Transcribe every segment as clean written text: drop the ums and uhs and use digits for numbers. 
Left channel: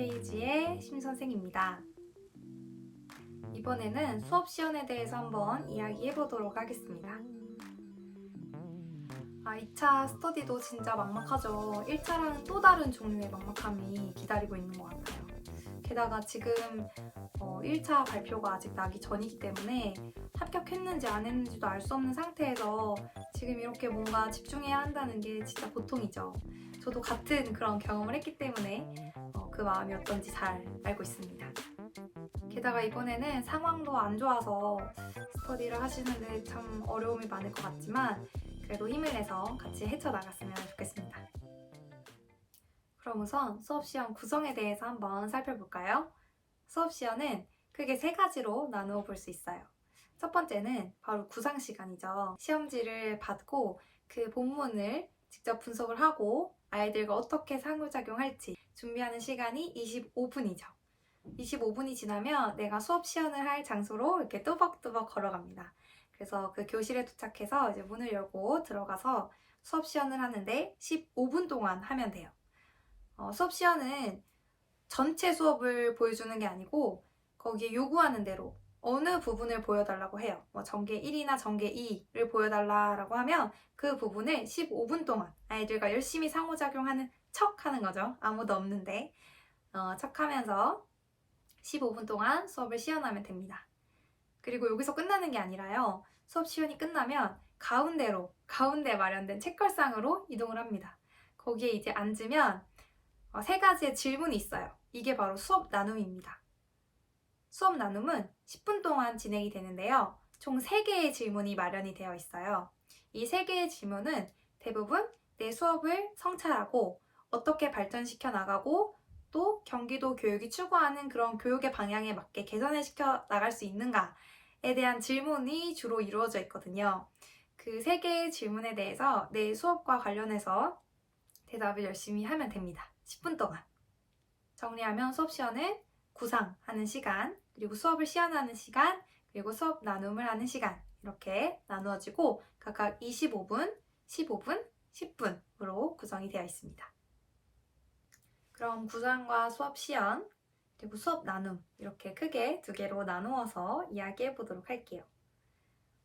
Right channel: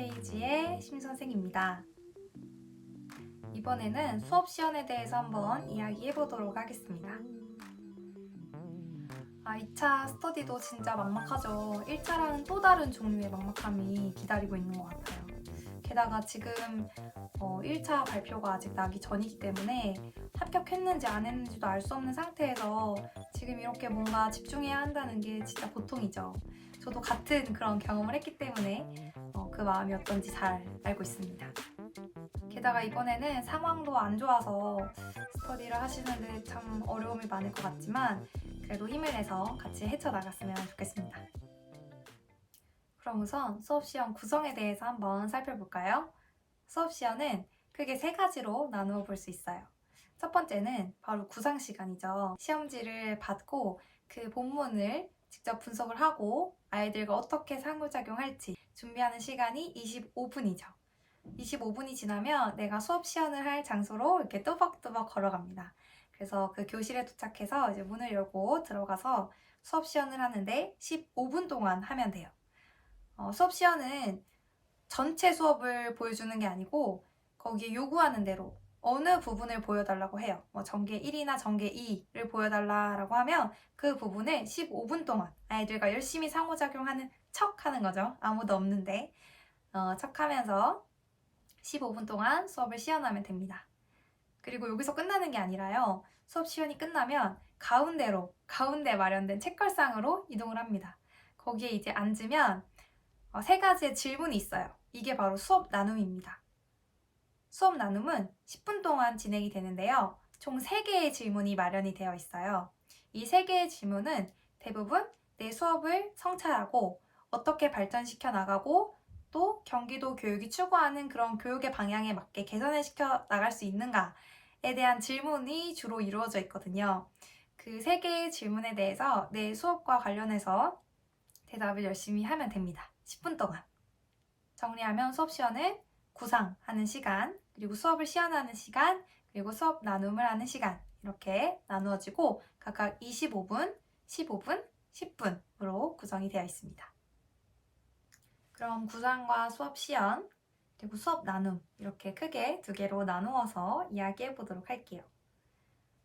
페이지의 심선생입니다. 이번에는 수업 시연에 대해서 한번 이야기해 보도록 하겠습니다. 2차 스터디도 진짜 막막하죠. 1차랑은 또 다른 종류의 막막함이 기다리고 있는 것 같아요. 게다가 지금 1차 발표가 아직 나기 전이기 때문에 합격했는지 안 했는지도 알 수 없는 상태에서 지금 이렇게 뭔가 집중해야 한다는 게 진짜 보통이죠. 저도 같은 그런 경험을 했기 때문에 그 마음이 어떤지 잘 알고 있습니다. 게다가 이번에는 상황도 안 좋아서 스터디를 하시는데 참 어려움이 많을 것 같지만 그래도 힘을 내서 같이 헤쳐나갔으면 좋겠습니다. 그럼 우선 수업 시험 구성에 대해서 한번 살펴볼까요? 수업 시험은 크게 3가지로 나누어 볼 수 있어요. 첫 번째는 바로 구상 시간이죠. 시험지를 받고 그 본문을 직접 분석을 하고 아이들과 어떻게 상호작용할지 준비하는 시간이 25분이죠. 25분이 지나면 내가 수업 시연을 할 장소로 이렇게 뚜벅뚜벅 걸어갑니다. 그래서 그 교실에 도착해서 이제 문을 열고 들어가서 수업 시연을 하는데 15분 동안 하면 돼요. 수업 시연은 전체 수업을 보여주는 게 아니고 거기에 요구하는 대로 어느 부분을 보여달라고 해요. 전개 1이나 전개 2를 보여달라고 하면 그 부분을 15분 동안 아이들과 열심히 상호작용하는 척 하는 거죠. 아무도 없는데 척 하면서 15분 동안 수업을 시연하면 됩니다. 그리고 여기서 끝나는 게 아니라요. 수업 시연이 끝나면 가운데 마련된 책걸상으로 이동을 합니다. 거기에 이제 앉으면 3가지의 질문이 있어요. 이게 바로 수업 나눔입니다. 수업 나눔은 10분 동안 진행이 되는데요. 총 3개의 질문이 마련이 되어 있어요. 이 3개의 질문은 대부분 내 수업을 성찰하고 어떻게 발전시켜 나가고 또 경기도 교육이 추구하는 그런 교육의 방향에 맞게 개선을 시켜 나갈 수 있는가에 대한 질문이 주로 이루어져 있거든요. 그 3개의 질문에 대해서 내 수업과 관련해서 대답을 열심히 하면 됩니다. 10분 동안. 정리하면 수업 시연은 구상하는 시간, 그리고 수업을 시연하는 시간, 그리고 수업 나눔을 하는 시간 이렇게 나누어지고 각각 25분, 15분, 10분으로 구성이 되어 있습니다. 그럼 구상과 수업 시연, 그리고 수업 나눔 이렇게 크게 2개로 나누어서 이야기해 보도록 할게요.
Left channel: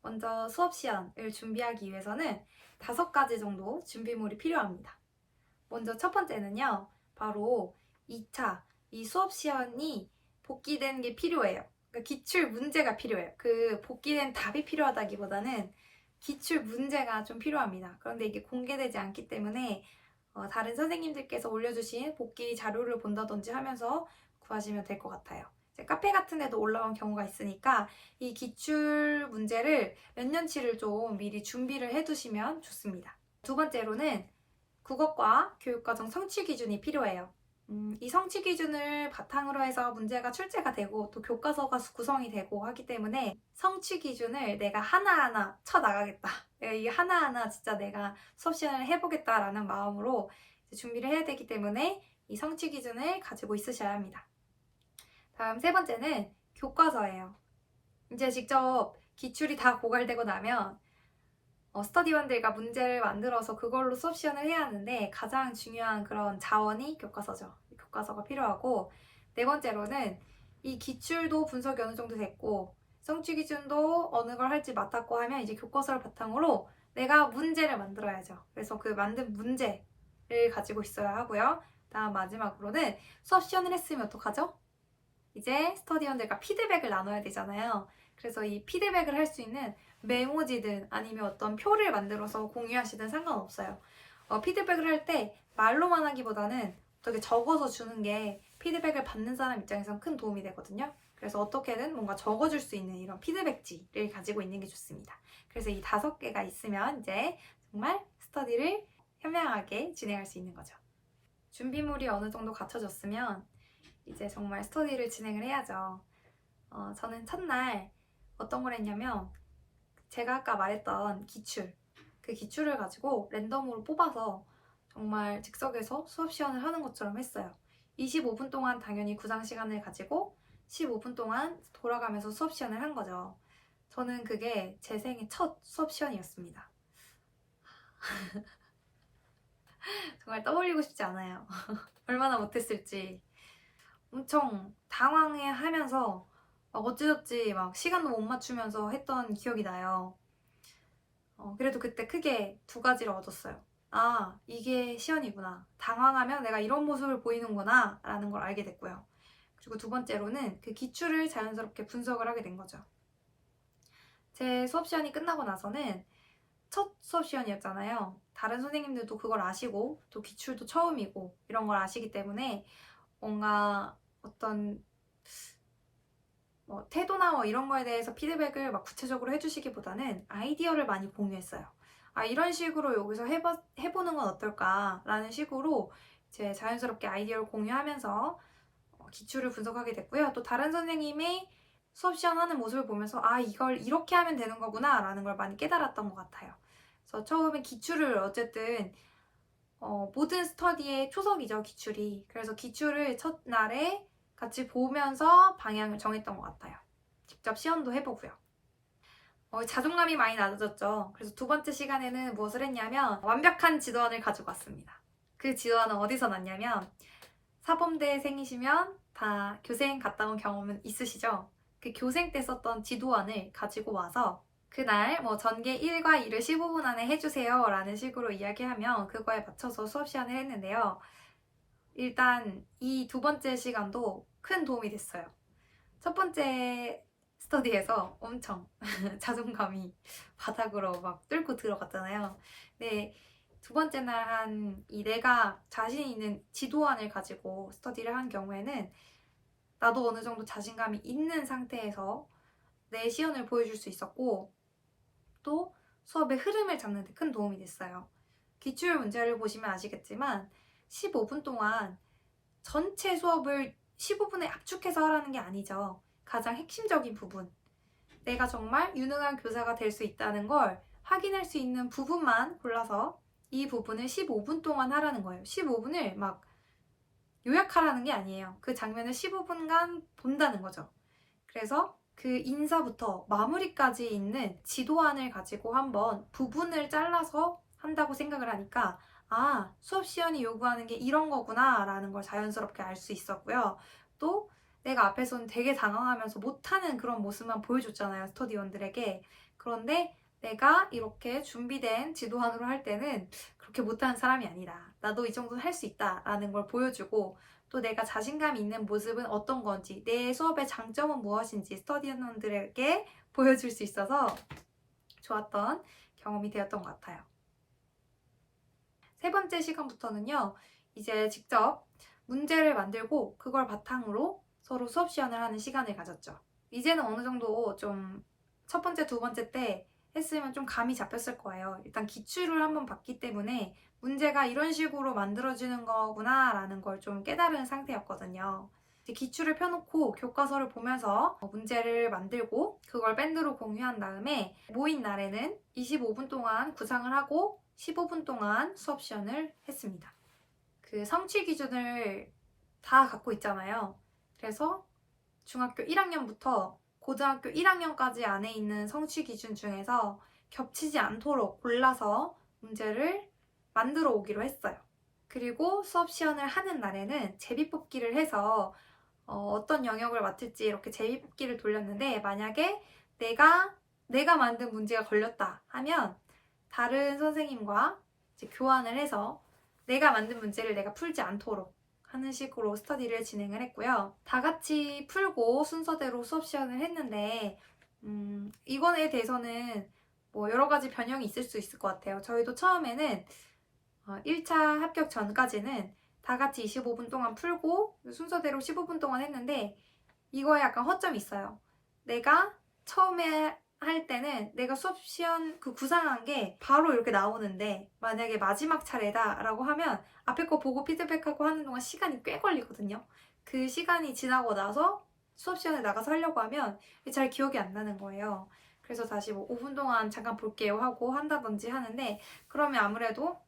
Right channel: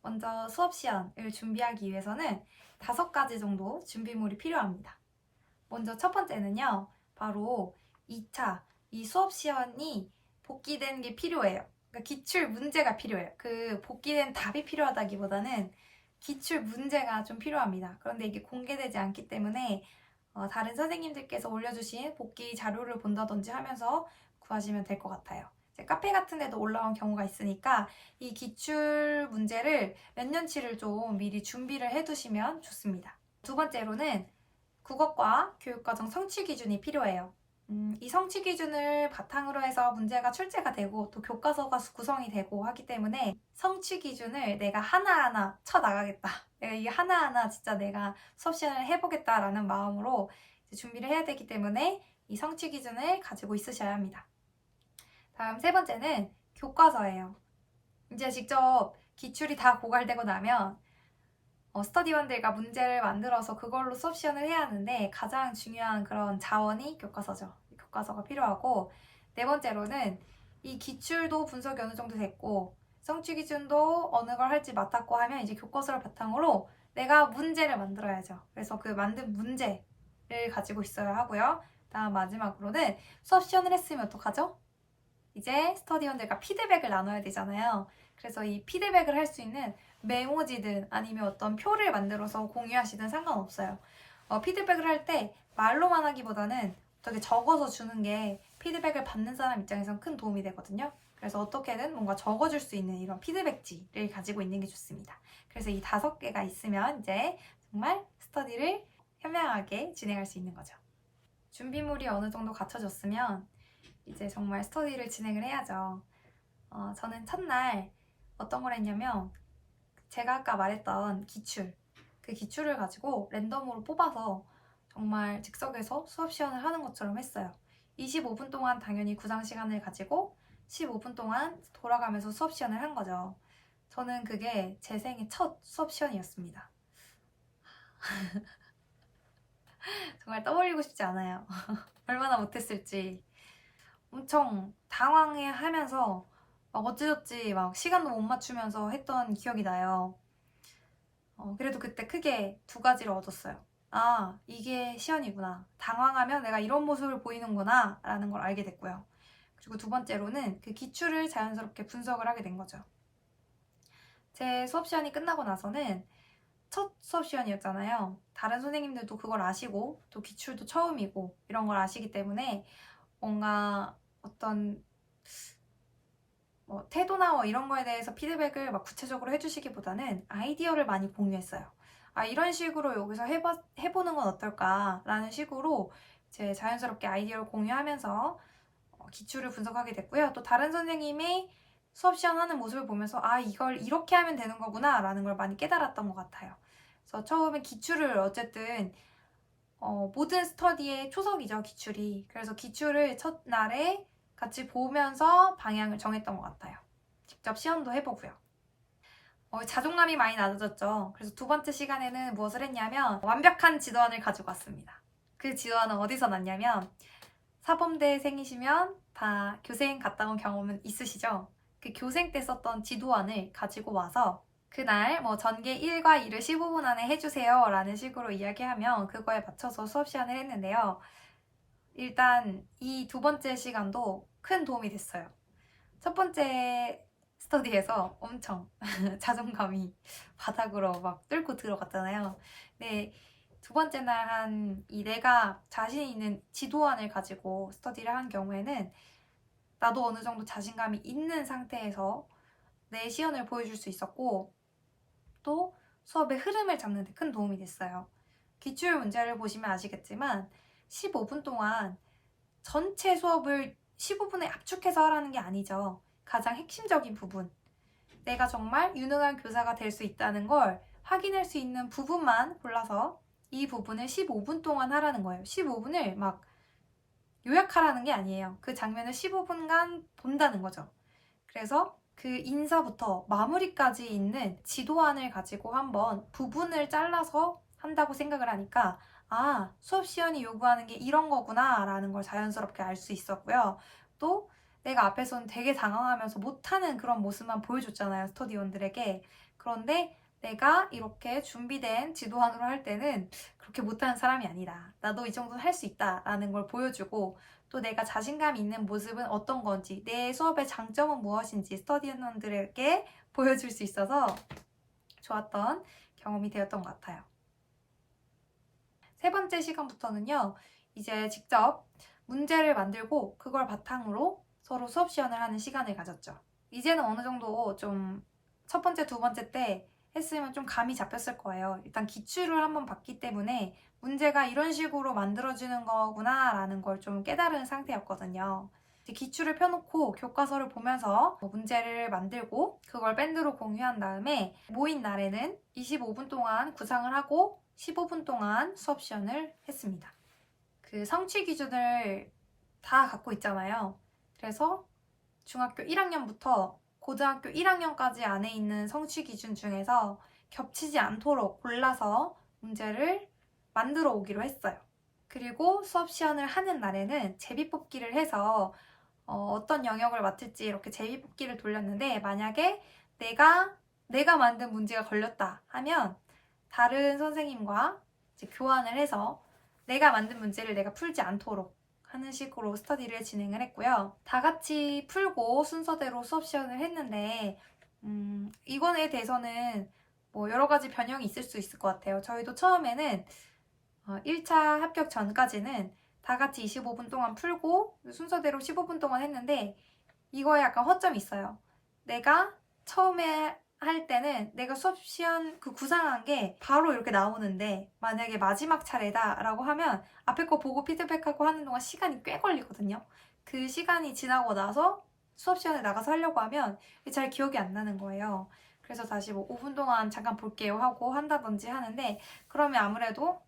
먼저 수업 시연을 준비하기 위해서는 5가지 정도 준비물이 필요합니다. 먼저 첫 번째는요, 바로 2차 이 수업 시연이 복기된 게 필요해요. 그러니까 기출 문제가 필요해요. 그 복기된 답이 필요하다기보다는 기출 문제가 좀 필요합니다. 그런데 이게 공개되지 않기 때문에 다른 선생님들께서 올려주신 복기 자료를 본다든지 하면서 구하시면 될 것 같아요. 카페 같은 데도 올라온 경우가 있으니까 이 기출 문제를 몇 년치를 좀 미리 준비를 해두시면 좋습니다. 두 번째로는 국어과 교육과정 성취 기준이 필요해요. 이 성취 기준을 바탕으로 해서 문제가 출제가 되고 또 교과서가 구성이 되고 하기 때문에 성취 기준을 내가 하나하나 쳐나가겠다. 내가 이게 하나하나 진짜 내가 수업 시간을 해보겠다라는 마음으로 준비를 해야 되기 때문에 이 성취 기준을 가지고 있으셔야 합니다. 다음 3번째는 교과서예요. 이제 직접 기출이 다 고갈되고 나면 스터디원들과 문제를 만들어서 그걸로 수업 시연을 해야 하는데 가장 중요한 그런 자원이 교과서죠. 교과서가 필요하고 4번째로는 이 기출도 분석이 어느 정도 됐고 성취 기준도 어느 걸 할지 맡았고 하면 이제 교과서를 바탕으로 내가 문제를 만들어야죠. 그래서 그 만든 문제를 가지고 있어야 하고요. 다음 마지막으로는 수업 시연을 했으면 어떡하죠? 이제 스터디원들과 피드백을 나눠야 되잖아요. 그래서 이 피드백을 할 수 있는 메모지든 아니면 어떤 표를 만들어서 공유하시든 상관없어요. 피드백을 할 때 말로만 하기보다는 어떻게 적어서 주는 게 피드백을 받는 사람 입장에선 큰 도움이 되거든요. 그래서 어떻게든 뭔가 적어줄 수 있는 이런 피드백지를 가지고 있는 게 좋습니다. 그래서 이 5개가 있으면 이제 정말 스터디를 현명하게 진행할 수 있는 거죠. 준비물이 어느 정도 갖춰졌으면 이제 정말 스터디를 진행을 해야죠. 저는 첫날 어떤 걸 했냐면 제가 아까 말했던 그 기출을 가지고 랜덤으로 뽑아서 정말 즉석에서 수업 시연을 하는 것처럼 했어요. 25분 동안 당연히 구상 시간을 가지고 15분 동안 돌아가면서 수업 시연을 한 거죠. 저는 그게 제 생애 첫 수업 시연이었습니다. 정말 떠올리고 싶지 않아요. 얼마나 못했을지. 엄청 당황해하면서 막 어찌저찌 막 시간도 못 맞추면서 했던 기억이 나요. 그래도 그때 크게 두 가지를 얻었어요. 아, 이게 시연이구나. 당황하면 내가 이런 모습을 보이는구나 라는 걸 알게 됐고요. 그리고 두 번째로는 그 기출을 자연스럽게 분석을 하게 된 거죠. 제 수업 시간이 끝나고 나서는 첫 수업 시간이었잖아요. 다른 선생님들도 그걸 아시고 또 기출도 처음이고 이런 걸 아시기 때문에 뭔가 어떤 태도나 이런 거에 대해서 피드백을 막 구체적으로 해주시기보다는 아이디어를 많이 공유했어요. 아, 이런 식으로 여기서 해보는 건 어떨까? 라는 식으로 이제 자연스럽게 아이디어를 공유하면서 기출을 분석하게 됐고요. 또 다른 선생님의 수업 시연하는 모습을 보면서 아, 이걸 이렇게 하면 되는 거구나 라는 걸 많이 깨달았던 것 같아요. 그래서 처음에 기출을 어쨌든 모든 스터디의 초석이죠, 기출이. 그래서 기출을 첫날에 같이 보면서 방향을 정했던 것 같아요. 직접 시연도 해보고요. 자존감이 많이 낮아졌죠. 그래서 두 번째 시간에는 무엇을 했냐면 완벽한 지도안을 가지고 왔습니다. 그 지도안은 어디서 났냐면 사범대생이시면 다 교생 갔다 온 경험은 있으시죠? 그 교생 때 썼던 지도안을 가지고 와서 그날 전개 1과 2를 15분 안에 해주세요 라는 식으로 이야기하면 그거에 맞춰서 수업 시간을 했는데요. 일단 이 두 번째 시간도 큰 도움이 됐어요. 첫 번째 스터디에서 엄청 자존감이 바닥으로 막 뚫고 들어갔잖아요. 근데 두 번째 날 내가 자신 있는 지도안을 가지고 스터디를 한 경우에는 나도 어느 정도 자신감이 있는 상태에서 내 시연을 보여줄 수 있었고 또 수업의 흐름을 잡는 데 큰 도움이 됐어요. 기출 문제를 보시면 아시겠지만 15분 동안 전체 수업을 15분에 압축해서 하라는 게 아니죠. 가장 핵심적인 부분, 내가 정말 유능한 교사가 될 수 있다는 걸 확인할 수 있는 부분만 골라서 이 부분을 15분 동안 하라는 거예요. 15분을 막 요약하라는 게 아니에요. 그 장면을 15분간 본다는 거죠. 그래서 그 인사부터 마무리까지 있는 지도안을 가지고 한번 부분을 잘라서 한다고 생각을 하니까 아, 수업 시연이 요구하는 게 이런 거구나 라는 걸 자연스럽게 알 수 있었고요. 또 내가 앞에서는 되게 당황하면서 못하는 그런 모습만 보여줬잖아요, 스터디원들에게. 그런데 내가 이렇게 준비된 지도안으로 할 때는 그렇게 못하는 사람이 아니다. 나도 이 정도는 할 수 있다 라는 걸 보여주고 또 내가 자신감 있는 모습은 어떤 건지, 내 수업의 장점은 무엇인지 스터디원들에게 보여줄 수 있어서 좋았던 경험이 되었던 것 같아요. 세 번째 시간부터는요, 이제 직접 문제를 만들고 그걸 바탕으로 서로 수업 시연을 하는 시간을 가졌죠. 이제는 어느 정도 좀 첫 번째, 두 번째 때 했으면 좀 감이 잡혔을 거예요. 일단 기출을 한번 봤기 때문에 문제가 이런 식으로 만들어지는 거구나 라는 걸 좀 깨달은 상태였거든요. 기출을 펴놓고 교과서를 보면서 문제를 만들고 그걸 밴드로 공유한 다음에 모인 날에는 25분 동안 구상을 하고 15분 동안 수업 시연을 했습니다. 그 성취 기준을 다 갖고 있잖아요. 그래서 중학교 1학년부터 고등학교 1학년까지 안에 있는 성취 기준 중에서 겹치지 않도록 골라서 문제를 만들어 오기로 했어요. 그리고 수업 시연을 하는 날에는 제비뽑기를 해서 어떤 영역을 맡을지 이렇게 제비뽑기를 돌렸는데 만약에 내가 만든 문제가 걸렸다 하면 다른 선생님과 이제 교환을 해서 내가 만든 문제를 내가 풀지 않도록 하는 식으로 스터디를 진행을 했고요. 다 같이 풀고 순서대로 수업 시연을 했는데 이거에 대해서는 여러 가지 변형이 있을 수 있을 것 같아요. 저희도 처음에는 1차 합격 전까지는 다 같이 25분 동안 풀고 순서대로 15분 동안 했는데 이거에 약간 허점이 있어요. 내가 처음에 할 때는 내가 수업 시연 그 구상한 게 바로 이렇게 나오는데 만약에 마지막 차례다 라고 하면 앞에 거 보고 피드백하고 하는 동안 시간이 꽤 걸리거든요. 그 시간이 지나고 나서 수업 시간에 나가서 하려고 하면 잘 기억이 안 나는 거예요. 그래서 다시 5분 동안 잠깐 볼게요 하고 한다든지 하는데 그러면 아무래도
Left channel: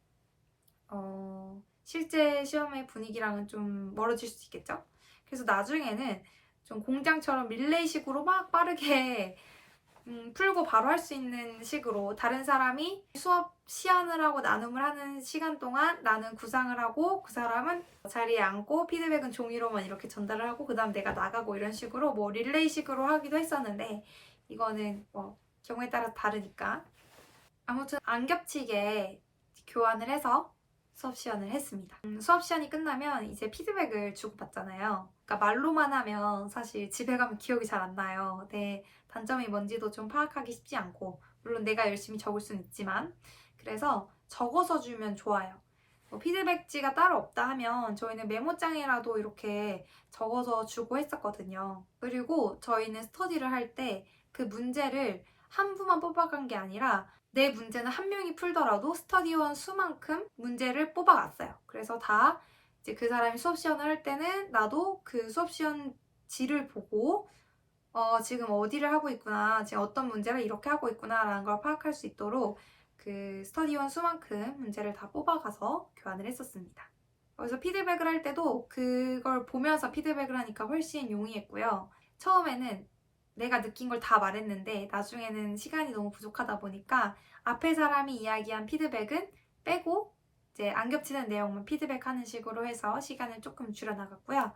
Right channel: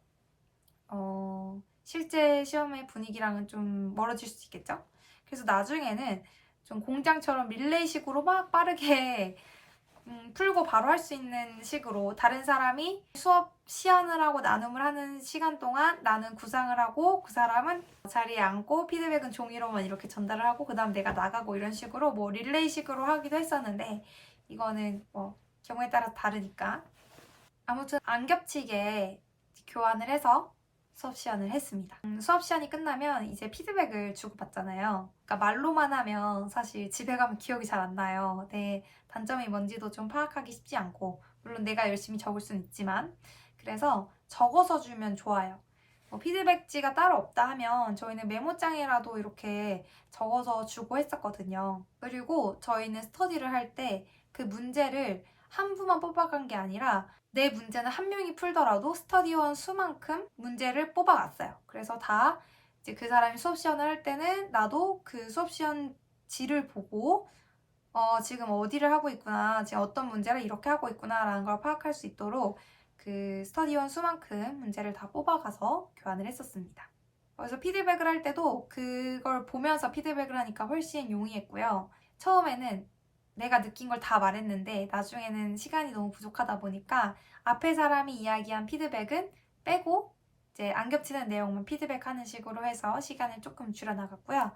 실제 시험의 분위기랑은 좀 멀어질 수 있겠죠? 그래서 나중에는 좀 공장처럼 릴레이식으로 막 빠르게 풀고 바로 할 수 있는 식으로 다른 사람이 수업 시연을 하고 나눔을 하는 시간 동안 나는 구상을 하고 그 사람은 자리에 앉고 피드백은 종이로만 이렇게 전달을 하고 그 다음 내가 나가고 이런 식으로 뭐 릴레이식으로 하기도 했었는데 이거는 뭐 경우에 따라 다르니까 아무튼 안 겹치게 교환을 해서 수업 시연을 했습니다. 수업 시연이 끝나면 이제 피드백을 주고받잖아요. 그러니까 말로만 하면 사실 집에 가면 기억이 잘 안 나요. 내 단점이 뭔지도 좀 파악하기 쉽지 않고 물론 내가 열심히 적을 수는 있지만 그래서 적어서 주면 좋아요. 피드백지가 따로 없다 하면 저희는 메모장에라도 이렇게 적어서 주고 했었거든요. 그리고 저희는 스터디를 할 때 그 문제를 한 부만 뽑아간 게 아니라 내 문제는 한 명이 풀더라도 스터디원 수만큼 문제를 뽑아갔어요. 그래서 다 이제 그 사람이 수업 시연을 할 때는 나도 그 수업 시연지를 보고 지금 어디를 하고 있구나, 지금 어떤 문제를 이렇게 하고 있구나라는 걸 파악할 수 있도록 그 스터디원 수만큼 문제를 다 뽑아가서 교환을 했었습니다. 그래서 피드백을 할 때도 그걸 보면서 피드백을 하니까 훨씬 용이했고요. 처음에는 내가 느낀 걸 다 말했는데 나중에는 시간이 너무 부족하다 보니까 앞에 사람이 이야기한 피드백은 빼고 이제 안 겹치는 내용만 피드백하는 식으로 해서 시간을 조금 줄여나갔고요.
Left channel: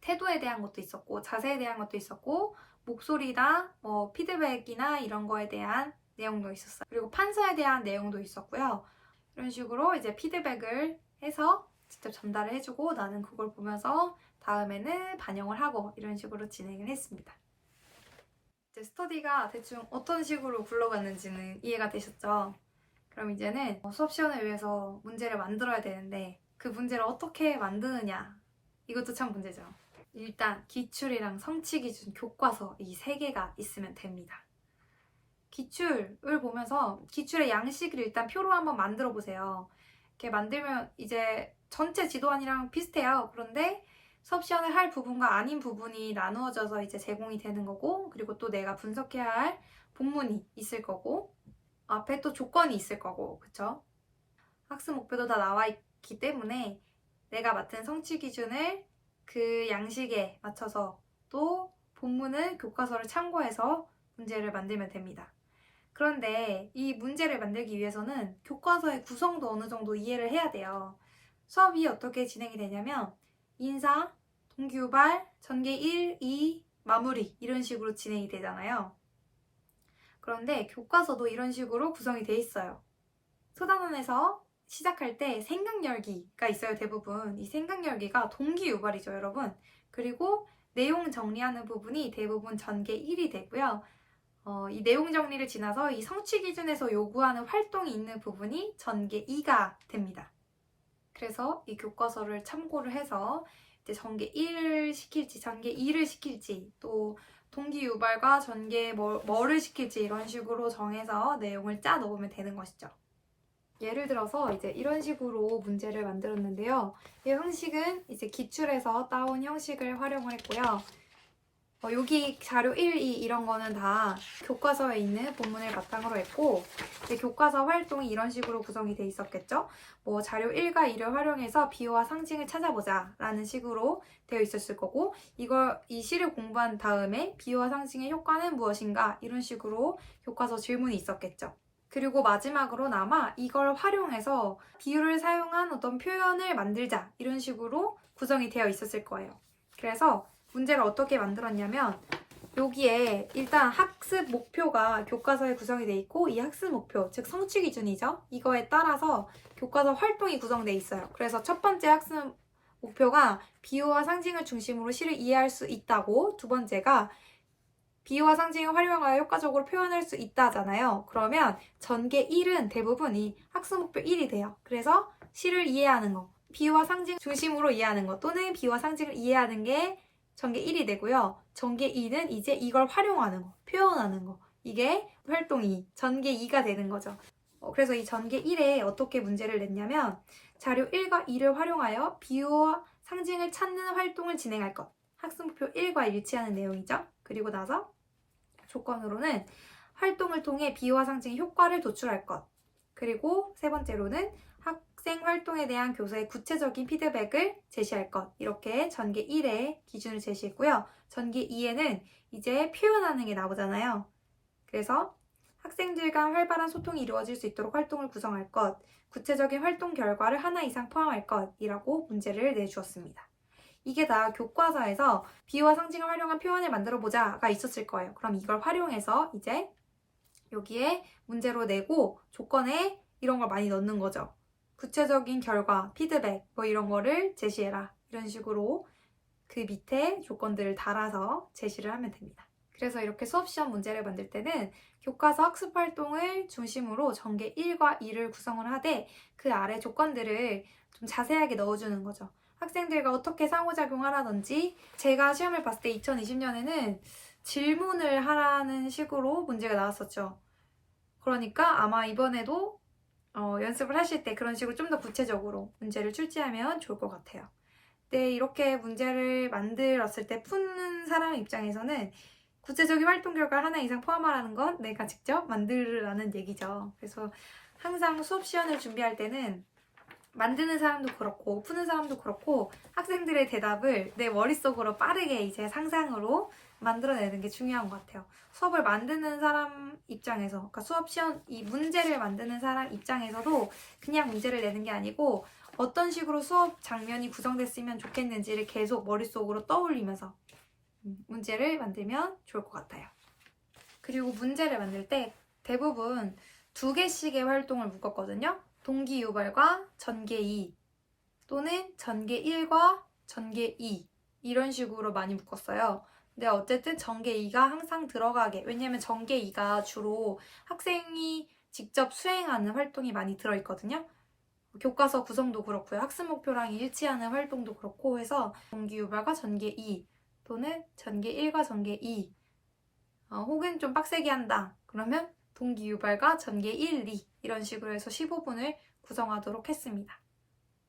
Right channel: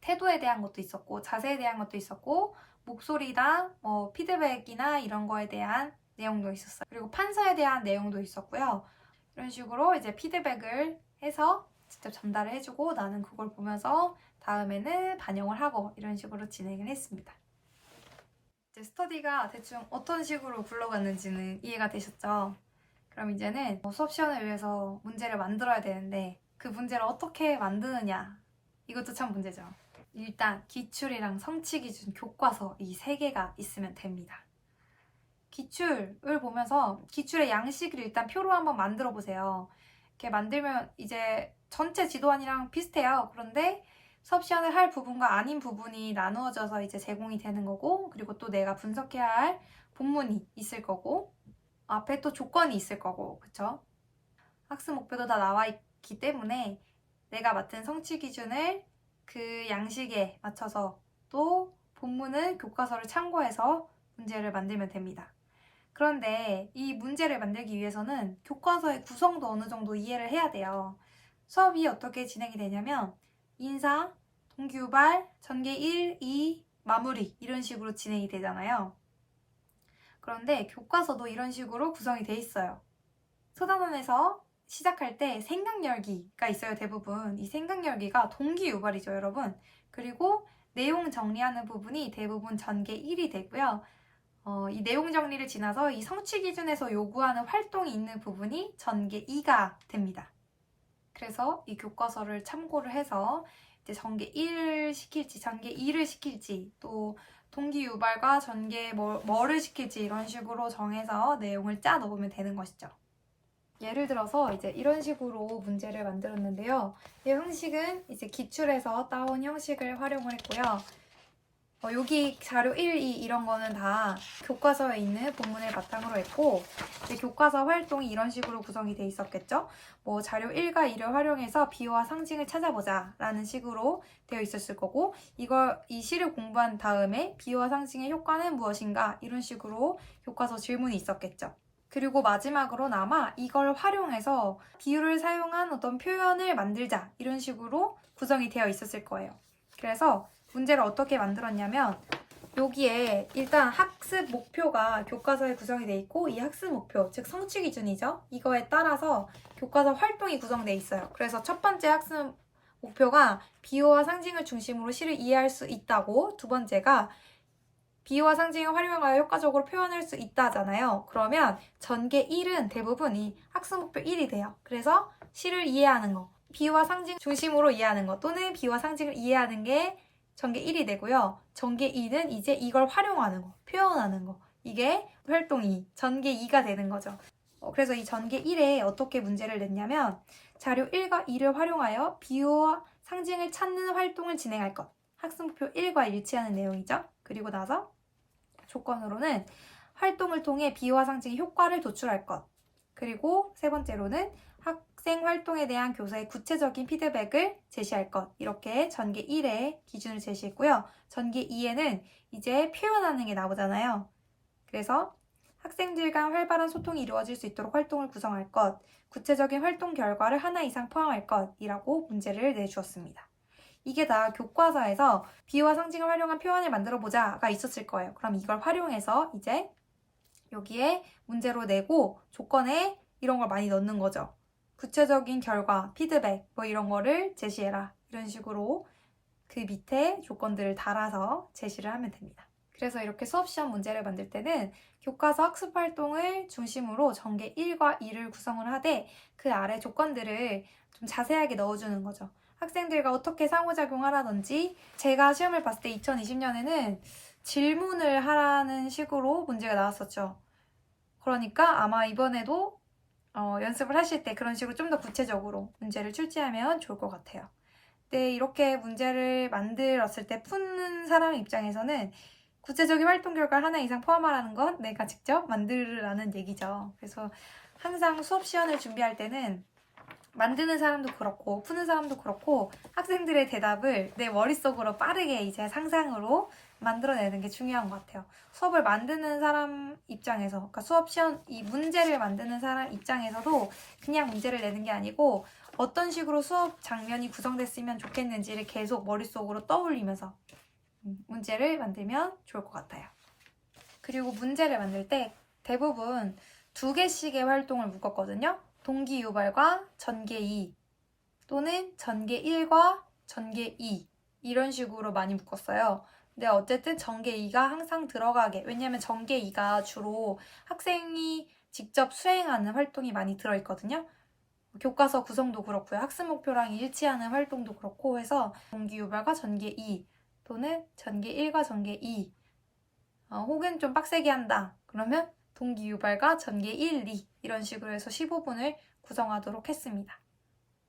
태도에 대한 것도 있었고 자세에 대한 것도 있었고 목소리나 피드백이나 이런 거에 대한 내용도 있었어요. 그리고 판사에 대한 내용도 있었고요. 이런 식으로 이제 피드백을 해서 직접 전달을 해주고 나는 그걸 보면서 다음에는 반영을 하고 이런 식으로 진행을 했습니다. 이제 스터디가 대충 어떤 식으로 굴러갔는지는 이해가 되셨죠? 그럼 이제는 수업 시연을 위해서 문제를 만들어야 되는데 그 문제를 어떻게 만드느냐 이것도 참 문제죠. 일단 기출이랑 성취기준, 교과서 이 세 개가 있으면 됩니다. 기출을 보면서 기출의 양식을 일단 표로 한번 만들어 보세요. 이렇게 만들면 이제 전체 지도안이랑 비슷해요. 그런데 수업 시연을 할 부분과 아닌 부분이 나누어져서 이제 제공이 되는 거고 그리고 또 내가 분석해야 할 본문이 있을 거고 앞에 또 조건이 있을 거고 그쵸? 학습 목표도 다 나와 있기 때문에 내가 맡은 성취 기준을 그 양식에 맞춰서 또 본문은 교과서를 참고해서 문제를 만들면 됩니다. 그런데 이 문제를 만들기 위해서는 교과서의 구성도 어느 정도 이해를 해야 돼요. 수업이 어떻게 진행이 되냐면 인사, 동기유발, 전개 1, 2, 마무리 이런 식으로 진행이 되잖아요. 그런데 교과서도 이런 식으로 구성이 돼 있어요. 소단원에서 시작할 때 생각열기가 있어요, 대부분. 이 생각열기가 동기유발이죠, 여러분. 그리고 내용 정리하는 부분이 대부분 전개 1이 되고요. 이 내용 정리를 지나서 이 성취 기준에서 요구하는 활동이 있는 부분이 전개 2가 됩니다. 그래서 이 교과서를 참고를 해서 이제 전개 1을 시킬지 전개 2를 시킬지 또 동기 유발과 전개 뭐를 시킬지 이런 식으로 정해서 내용을 짜 넣으면 되는 것이죠. 예를 들어서 이제 이런 식으로 문제를 만들었는데요. 이 형식은 이제 기출에서 따온 형식을 활용을 했고요. 여기 자료 1, 2 이런 거는 다 교과서에 있는 본문을 바탕으로 했고 이제 교과서 활동이 이런 식으로 구성이 돼 있었겠죠. 뭐 자료 1과 2를 활용해서 비유와 상징을 찾아보자 라는 식으로 되어 있었을 거고 이 시를 공부한 다음에 비유와 상징의 효과는 무엇인가 이런 식으로 교과서 질문이 있었겠죠. 그리고 마지막으로나마 이걸 활용해서 비유를 사용한 어떤 표현을 만들자 이런 식으로 구성이 되어 있었을 거예요. 그래서 문제를 어떻게 만들었냐면 여기에 일단 학습 목표가 교과서에 구성이 돼 있고 이 학습 목표, 즉 성취 기준이죠. 이거에 따라서 교과서 활동이 구성돼 있어요. 그래서 첫 번째 학습 목표가 비유와 상징을 중심으로 시를 이해할 수 있다고 두 번째가 비유와 상징을 활용하여 효과적으로 표현할 수 있다잖아요. 그러면 전개 1은 대부분 이 학습 목표 1이 돼요. 그래서 시를 이해하는 거, 비유와 상징 중심으로 이해하는 거 또는 비유와 상징을 이해하는 게 전개 1이 되고요. 전개 2는 이제 이걸 활용하는 거, 표현하는 거. 이게 활동 2, 전개 2가 되는 거죠. 그래서 이 전개 1에 어떻게 문제를 냈냐면 자료 1과 2를 활용하여 비유와 상징을 찾는 활동을 진행할 것. 학습 목표 1과 일치하는 내용이죠. 그리고 나서 조건으로는 활동을 통해 비유와 상징의 효과를 도출할 것. 그리고 세 번째로는 학생 활동에 대한 교사의 구체적인 피드백을 제시할 것. 이렇게 전개 1에 기준을 제시했고요. 전개 2에는 이제 표현하는 게 나오잖아요. 그래서 학생들 간 활발한 소통이 이루어질 수 있도록 활동을 구성할 것, 구체적인 활동 결과를 하나 이상 포함할 것이라고 문제를 내주었습니다. 이게 다 교과서에서 비유와 상징을 활용한 표현을 만들어 보자가 있었을 거예요. 그럼 이걸 활용해서 이제 여기에 문제로 내고 조건에 이런 걸 많이 넣는 거죠. 구체적인 결과, 피드백 뭐 이런 거를 제시해라. 이런 식으로 그 밑에 조건들을 달아서 제시를 하면 됩니다. 그래서 이렇게 수업시험 문제를 만들 때는 교과서 학습활동을 중심으로 전개 1과 2를 구성을 하되 그 아래 조건들을 좀 자세하게 넣어주는 거죠. 학생들과 어떻게 상호작용하라든지 제가 시험을 봤을 때 2020년에는 질문을 하라는 식으로 문제가 나왔었죠. 그러니까 아마 이번에도 연습을 하실 때 그런 식으로 좀 더 구체적으로 문제를 출제하면 좋을 것 같아요. 네, 이렇게 문제를 만들었을 때 푸는 사람 입장에서는 구체적인 활동 결과를 하나 이상 포함하라는 건 내가 직접 만들라는 얘기죠. 그래서 항상 수업 시연을 준비할 때는 만드는 사람도 그렇고 푸는 사람도 그렇고 학생들의 대답을 내 머릿속으로 빠르게 이제 상상으로 만들어내는 게 중요한 것 같아요. 수업을 만드는 사람 입장에서, 그러니까 수업 시연 이 문제를 만드는 사람 입장에서도 그냥 문제를 내는 게 아니고 어떤 식으로 수업 장면이 구성됐으면 좋겠는지를 계속 머릿속으로 떠올리면서 문제를 만들면 좋을 것 같아요. 그리고 문제를 만들 때 대부분 2개씩의 활동을 묶었거든요. 동기 유발과 전개 2 또는 전개 1과 전개 2 이런 식으로 많이 묶었어요. 근데 어쨌든 전개 2가 항상 들어가게, 왜냐면 전개 2가 주로 학생이 직접 수행하는 활동이 많이 들어있거든요. 교과서 구성도 그렇고요. 학습 목표랑 일치하는 활동도 그렇고 해서 동기 유발과 전개 2 또는 전개 1과 전개 2 혹은 좀 빡세게 한다. 그러면 동기 유발과 전개 1, 2 이런 식으로 해서 15분을 구성하도록 했습니다.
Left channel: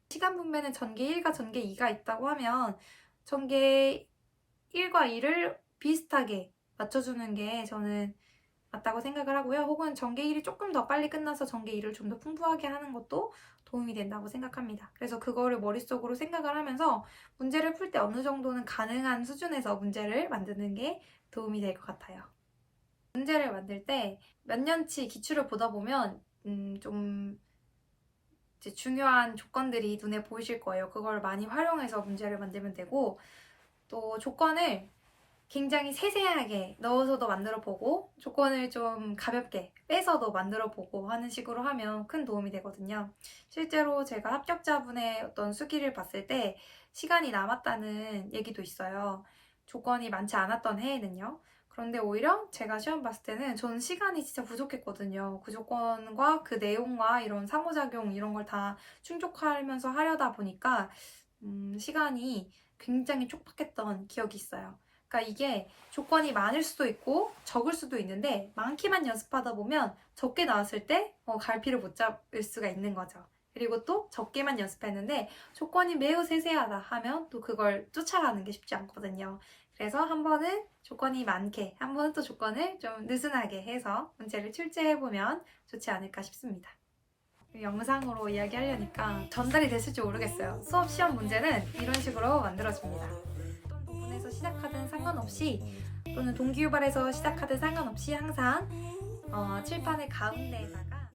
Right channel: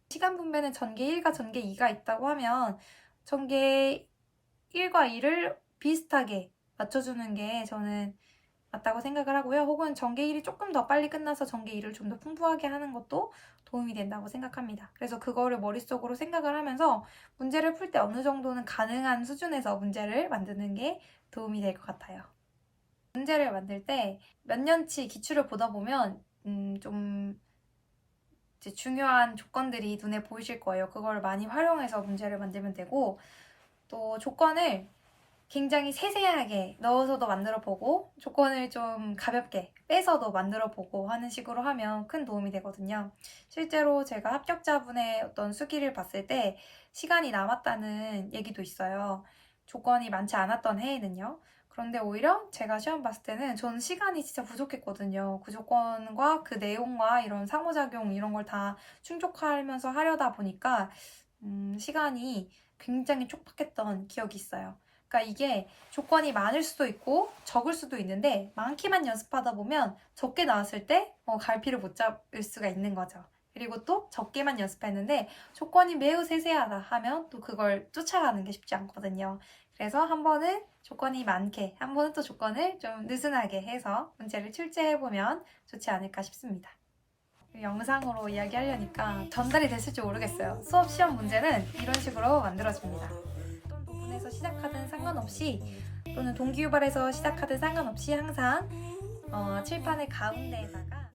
시간 분배는 전개 1과 전개 2가 있다고 하면 전개 1과 2를 비슷하게 맞춰주는 게 저는 맞다고 생각을 하고요. 혹은 전개 1이 조금 더 빨리 끝나서 전개 2를 좀 더 풍부하게 하는 것도 도움이 된다고 생각합니다. 그래서 그거를 머릿속으로 생각을 하면서 문제를 풀 때 어느 정도는 가능한 수준에서 문제를 만드는 게 도움이 될 것 같아요. 문제를 만들 때 몇 년치 기출을 보다 보면 좀 이제 중요한 조건들이 눈에 보이실 거예요. 그걸 많이 활용해서 문제를 만들면 되고 또 조건을 굉장히 세세하게 넣어서도 만들어 보고 조건을 좀 가볍게 빼서도 만들어 보고 하는 식으로 하면 큰 도움이 되거든요. 실제로 제가 합격자분의 어떤 수기를 봤을 때 시간이 남았다는 얘기도 있어요. 조건이 많지 않았던 해에는요. 그런데 오히려 제가 시험 봤을 때는 저는 시간이 진짜 부족했거든요. 그 조건과 그 내용과 이런 상호작용 이런 걸 다 충족하면서 하려다 보니까 시간이 굉장히 촉박했던 기억이 있어요. 그러니까 이게 조건이 많을 수도 있고 적을 수도 있는데 많기만 연습하다 보면 적게 나왔을 때 갈피를 못 잡을 수가 있는 거죠. 그리고 또 적게만 연습했는데 조건이 매우 세세하다 하면 또 그걸 쫓아가는 게 쉽지 않거든요. 그래서 한 번은 조건이 많게, 한 번은 또 조건을 좀 느슨하게 해서 문제를 출제해보면 좋지 않을까 싶습니다. 영상으로 이야기하려니까 전달이 됐을지 모르겠어요. 수업 시험 문제는 이런 식으로 만들어집니다. 어떤 부분에서 시작하든 상관없이 또는 동기유발에서 시작하든 상관없이 항상 칠판의 가운데에다가